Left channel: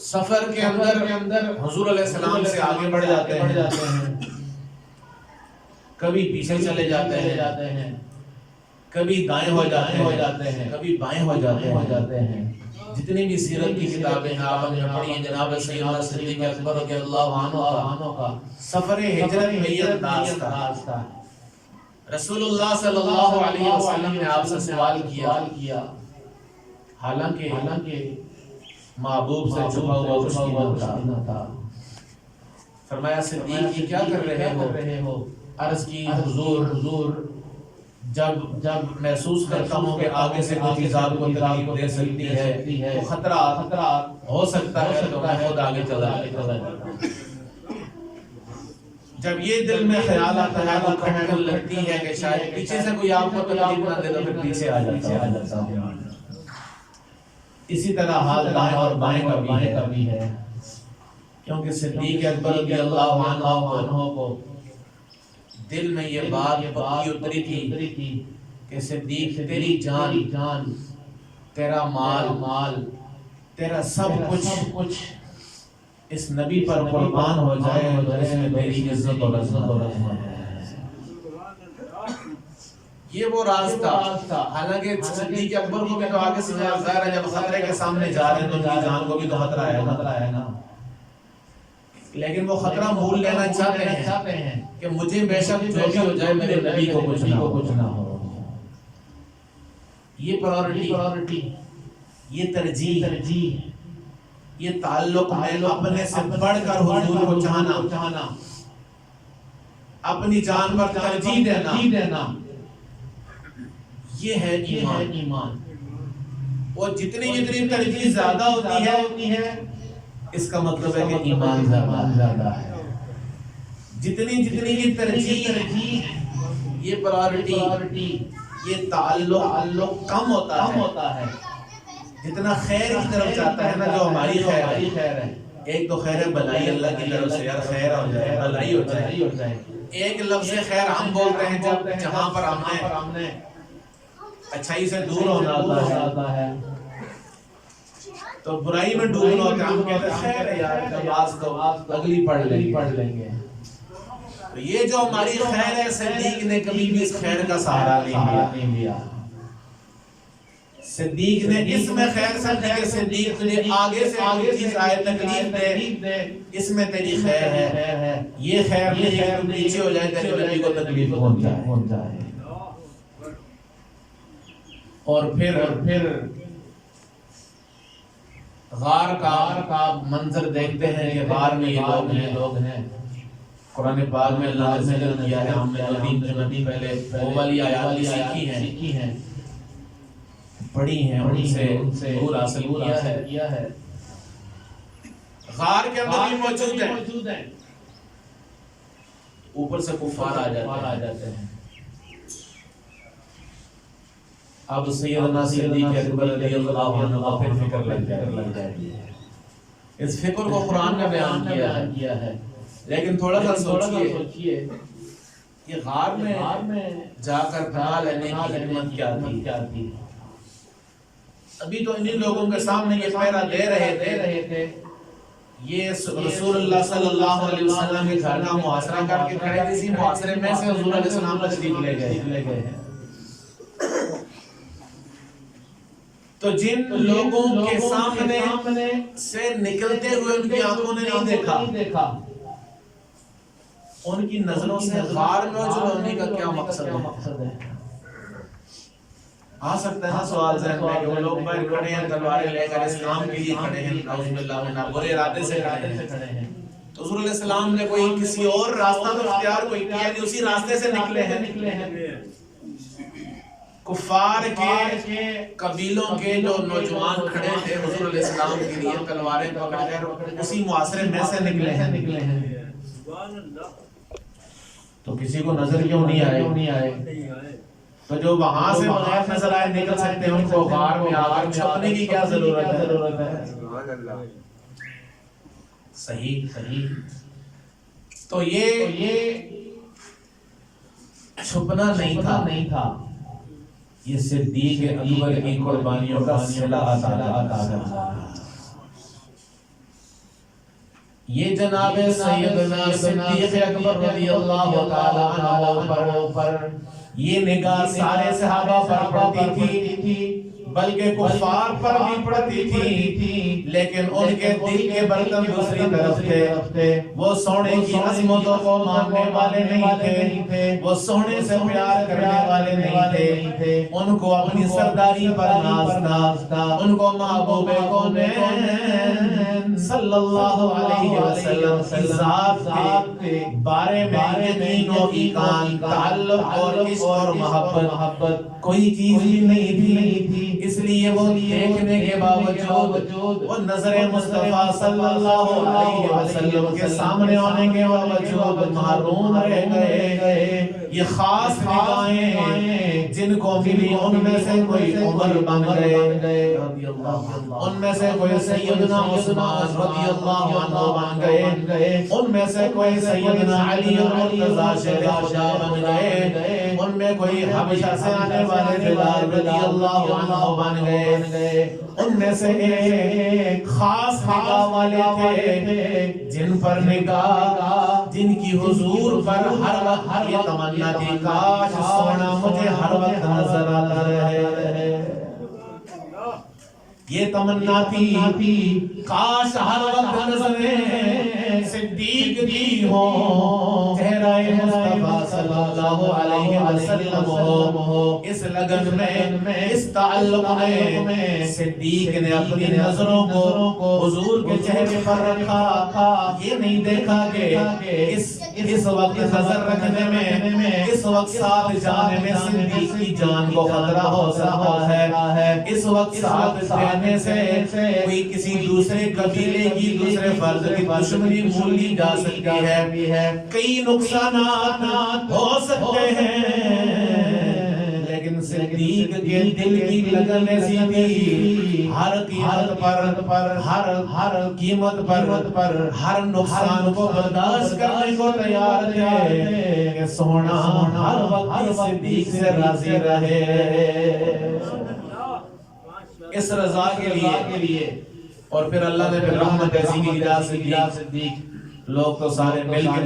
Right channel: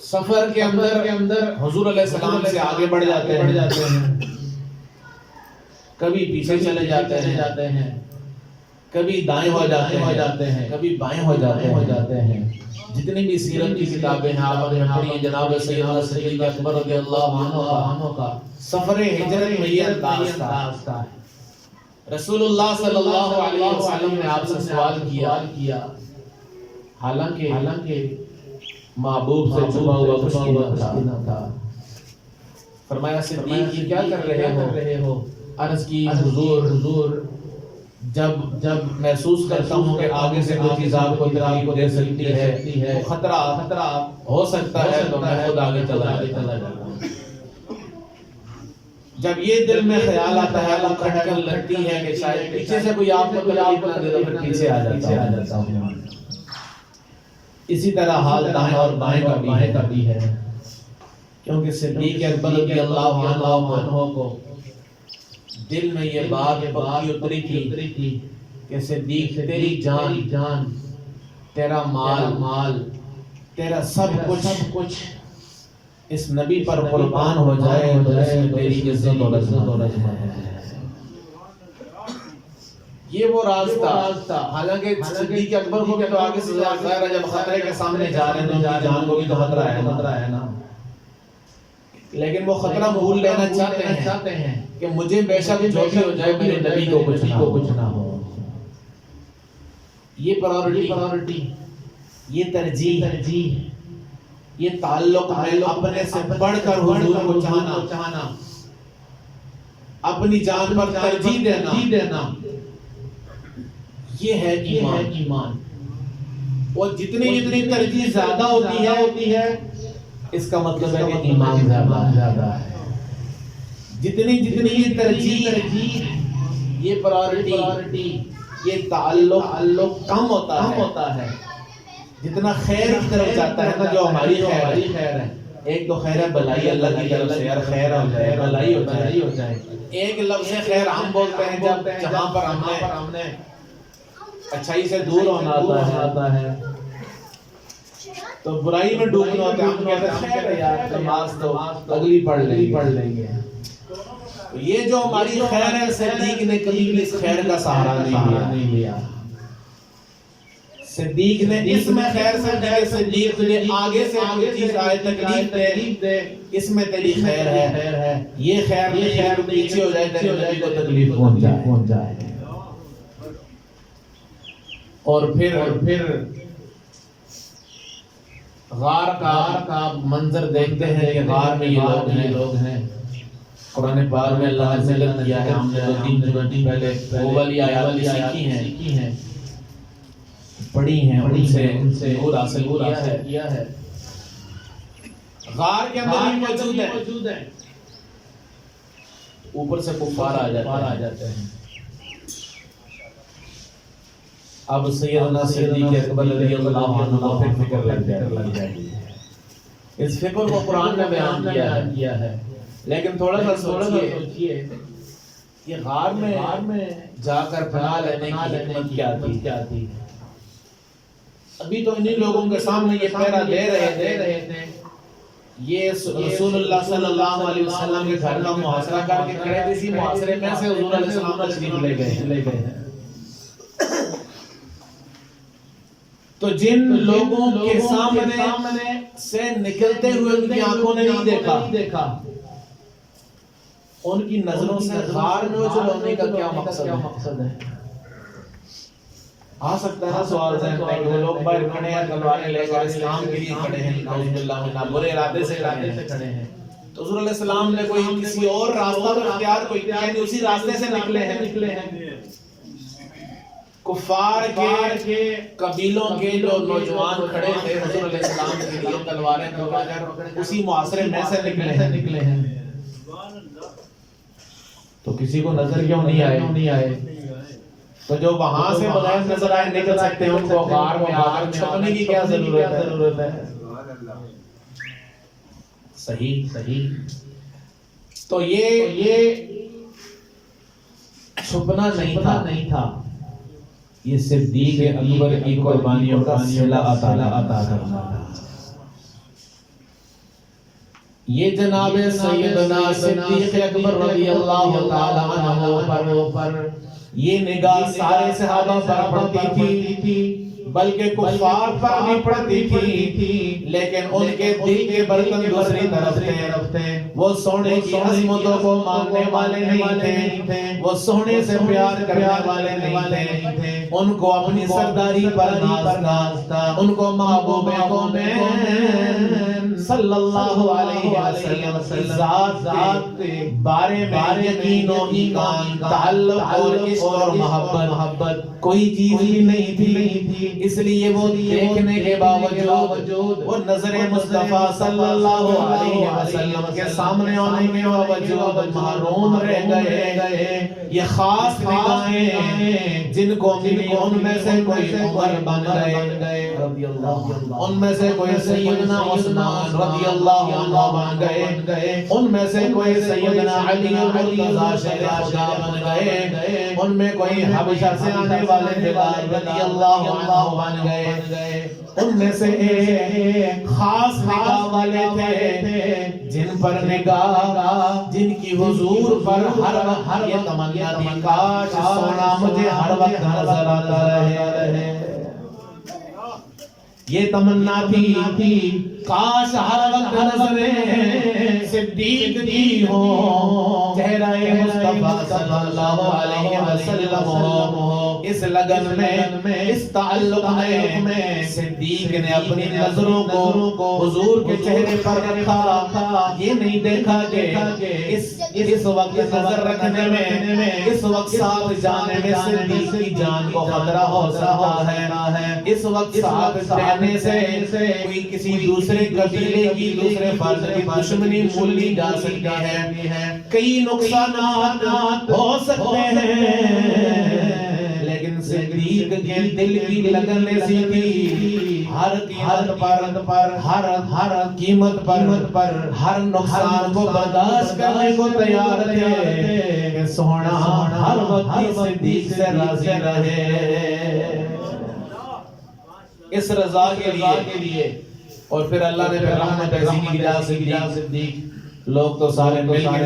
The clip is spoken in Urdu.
سفر کے اندر حضور علیہ السلام سے آگے بڑھ جاتے ہیں، کبھی پیچھے چلے جاتے ہیں، کبھی دائیں ہو جاتے ہیں، کبھی بائیں ہو جاتے ہیں۔ جتنی بھی سیرت کی کتابیں ہیں آپ نے پڑھی ہیں، جناب سیدنا صدیق اکبر رضی اللہ عنہ کا سفر ہجرت میں یہ انداز تھا۔ رسول اللہ صلی اللہ علیہ وسلم نے آپ سے سوال کیا، حالانکہ محبوب سے چھپا ہوا کچھ نہ تھا۔ فرمایا صدیق یہ کیا کر رہے ہو؟ عرض کی حضور جب محسوس کرتا ہوں کہ آگے سے کوئی چیز آپ کو تکلیف دے سکتی ہے، خطرہ ہو سکتا ہے، تو میں خود آگے چلا جاتا ہوں۔ جب یہ دل میں خیال آتا ہے وہ کھٹکن لگتی ہے کہ شاید پیچھے سے کوئی آپ کو تکلیف نہ دے تو پھر پیچھے آ جاتا ہوں۔ اسی طرح حال دائیں اور بائیں کا بھی ہے، کیونکہ صدیق اکبر رضی اللہ عنہ کو دل میں یہ بات پکی اتری تھی کہ صدیق تیری جان، تیرا مال، تیرا سب کچھ اس نبی پر قربان ہو جائے تو اس میں تیری عزت اور عظمت ہے۔ یہ وہ راستہ، حالانکہ صدیق اکبر کو تو آگے سے ظاہر ہے جب خطرے کے سامنے جا رہے ہیں تو ان کی جان کو بھی تو خطرہ ہے نا، لیکن وہ خطرہ بھول لینا چاہتے ہیں کہ مجھے بے شک جو بھی ہو جائے میرے نبی کو کچھ نہ ہو۔ یہ پرائورٹی، یہ ترجیح، یہ تعلق میں اپنے سے بڑھ کر حضور کو چاہنا، اپنی جان پر ترجیح دینا، یہ ہے ایمان۔ اور جتنی ترجیح زیادہ ہوتی ہے اس کا مطلب ہے کہ ایمان زیادہ ہے۔ جتنی یہ ترجیح، یہ پرائورٹی، یہ تعلق کم ہوتا ہے، جتنا خیر کی طرف جاتا ہے نا، جو ہماری خیر ہے، ایک تو خیر بلائی اللہ کی طرف سے، یار خیر ہو جائے، بلائی ہو جائے۔ ایک لفظ خیر ہم بولتے ہیں جب جہاں پر ہم نے اچھائی سے دور ہونا ہوتا ہے تو برائی میں ڈوبنا ہوتا ہے، ہم کہتے ہیں خیر ہے یار، نماز تو اگلی پڑھ لیں گے۔ تو یہ جو ہماری خیر ہے، صدیق نے کبھی بھی اس خیر کا سہارا نہیں لیا۔ صدیق نے اس میں خیر سمجھی کہ صدیق تجھے آگے سے کوئی چیز آئے تکلیف دے، اس میں تیری خیر ہے، یہ خیر نہیں ہے کہ پیچھے ہو جائے تیرے نبی کو تکلیف پہنچ جائے۔ اور پھر غار کا منظر دیکھتے ہیں کہ غار میں یہ لوگ ہیں۔ قرآن پاک میں اللہ نے ذکر کیا ہے، ہم نے 2-3 پہلے وہ والی آیات سیکھی ہیں، پڑھی ہیں، ان سے نور حاصل کیا ہے۔ غار کے اندر بھی موجود ہیں، اوپر سے کفار آ جاتے ہیں۔ اب سیدنا صدیق اکبر رضی اللہ عنہ کو پھر فکر لگ جائے گی۔ اس فکر کو قرآن نے بیان کیا ہے، لیکن تھوڑا سا سوچئے یہ غار میں جا کر پناہ لینے کی حکمت کیا تھی؟ ابھی تو انہی لوگوں کے سامنے یہ پہرا دے رہے تھے، یہ رسول اللہ صلی اللہ علیہ وسلم کے گھر کا محاصرہ کر کے کھڑے تھے، اسی محاصرے میں سے حضور علیہ السلام تشریف لے گئے ہیں۔ تو جن لوگوں کے سامنے سے نکلتے ہوئے ان کی آنکھوں نے نہیں دیکھا، ان کی نظروں سے غار میں جو ہونے کا کیا مقصد ہے؟ آ سکتا ہے نا سوال ذہن میں کہ وہ لوگ باہر کھڑے ہیں، تلواریں لے کر اسلام کے لیے کھڑے ہیں، نعوذ باللہ من برے ارادے سے کھڑے ہیں، تو حضور علیہ السلام نے کوئی کسی اور راستہ اختیار کوئی کیا نہیں، اسی راستے سے نکلے ہیں۔ کفار کے قبیلوں کے جو نوجوان کھڑے تھے حضور علیہ السلام کے لیے تلواریں پکڑ کر، اسی معاشرے میں سے نکلے ہیں۔ تو کسی کو نظر کیوں نہیں آئے؟ تو جو وہاں سے بغیر نظر آئے نکل سکتے ہیں، ان کو غار میں آ کر چھپنے کی کیا ضرورت ہے؟ صحیح۔ تو یہ چھپنا نہیں تھا، یہ صدیق اکبر کی قربانیوں کا صلہ عطا کرنا تھا۔ یہ جناب سیدنا صدیق اکبر رضی اللہ تعالی عنہ پر یہ نگاہ سارے صحابہ پر پڑتی تھی، بلکہ کفار پر بھی پڑتی تھی، لیکن ان کے دل کے برتن دوسری طرف تھے۔ وہ سونے کی عظمتوں کو ماننے والے نہیں تھے، وہ سونے سے پیار کرنے والے نہیں تھے، ان کو اپنی سرداری پر ناز تھا، ان کو محبوب کونین صلی اللہ علیہ وسلم کی ذات کے بارے میں یقین و ایمان، تعلق اور عشق اور محبت کوئی چیز ہی نہیں تھی۔ اس لیے وہ دیکھنے کے باوجود، وہ نظر مصطفیٰ صلی اللہ علیہ وسلم کے سامنے آنے کے باوجود محروم رہ گئے۔ یہ خاص نگاہیں جن کو ملی، ان میں سے کوئی عمر بن گئے، ان میں سے کوئی سیدنا عثمان رضی اللہ عنہ بن گئے، ان میں سے کوئی سیدنا علی مرتضیٰ شیر خدا بن گئے، ان میں کوئی حبشہ سے آنے والے بلال رضی اللہ عنہ بن گئے، ان میں سے ایک خاص نگاہ والے تھے جن پر نگاہ، جن کی حضور پر ہر وقت یہ تمنا تھی کاش سونا مجھے ہر وقت نظر آتا رہے، یہ تمنا تھی کاش ہر وقت نظریں صدیق دی ہو، چہرہ مصطفیٰ صلی اللہ علیہ وسلم ہو۔ اس لگن میں، اس تعلق میں صدیق نے اپنی نظروں کو حضور کے چہرے پر رکھا۔ یہ نہیں دیکھا کہ اس وقت نظر رکھنے میں، اس وقت ساتھ جانے میں صدیق کی جان کو خطرہ ہو سکتا ہے، اس وقت ساتھ رہنے سے کوئی کسی دوسرے قبیلے کی، دوسرے فرد کی دشمنی بھول لی جا سکتی ہے، کئی نقصانات ہو سکتے ہیں، لیکن صدیق کے دل کی لگن ایسی تھی، ہر قیمت پر ہر نقصان کو برداشت کرنے کو تیار تھے کہ سونا ہر وقت صدیق سے راضی رہے، اس رضا کے لیے۔ اور پھر اللہ نے رحمت ایسی کی صدیق، لوگ تو سارے مل کے